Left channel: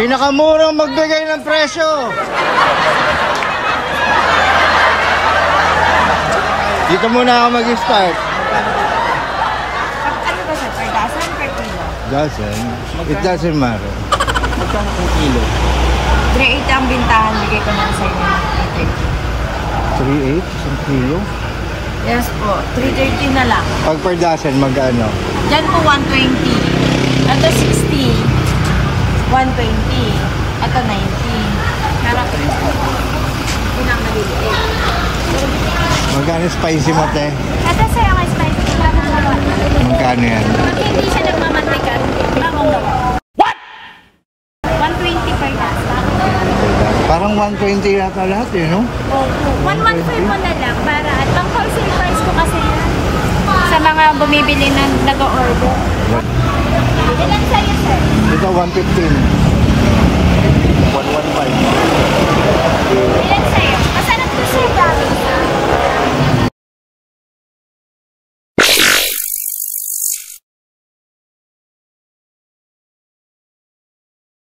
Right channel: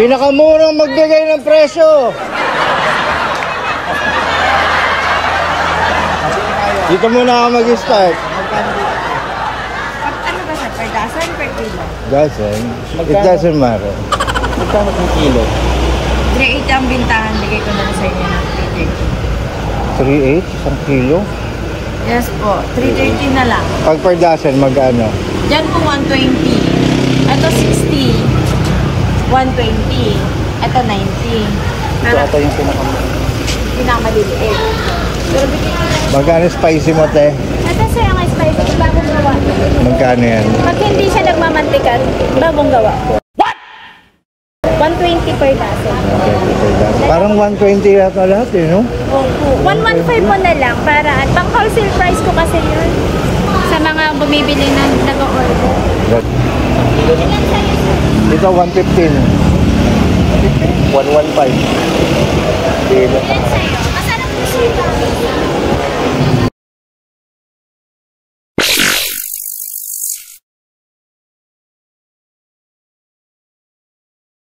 Pinakamurang magbigay ng presyo. Dito muna ako mag-start. Ano ba sa per dozen, per kilo? Dozen? It doesn't matter. Magkano kung kilo? 380 ang bintahan, bigay ko na sa inyo ng 3.8? Isang kilo? 330. Yes po, 330 na lang. Pag per dozen, magkano? Diyan po 120. Ito 60. 120. Ito 90. Ito yung pinakamaliliit. Magkano spicy mo, te? Ito sir ang spicy ko, bagong gawa. Magkano yan? Pag hindi siya nagmamantikan, bagong gawa. What? 120 per dozen. Parang 120 yata lahat eh, no? Opo. 115 mo na lang para pang wholesale price ko kasi yun. Sa mga bumibili ng nag-order. Ito 115. 115. Masarap to sir.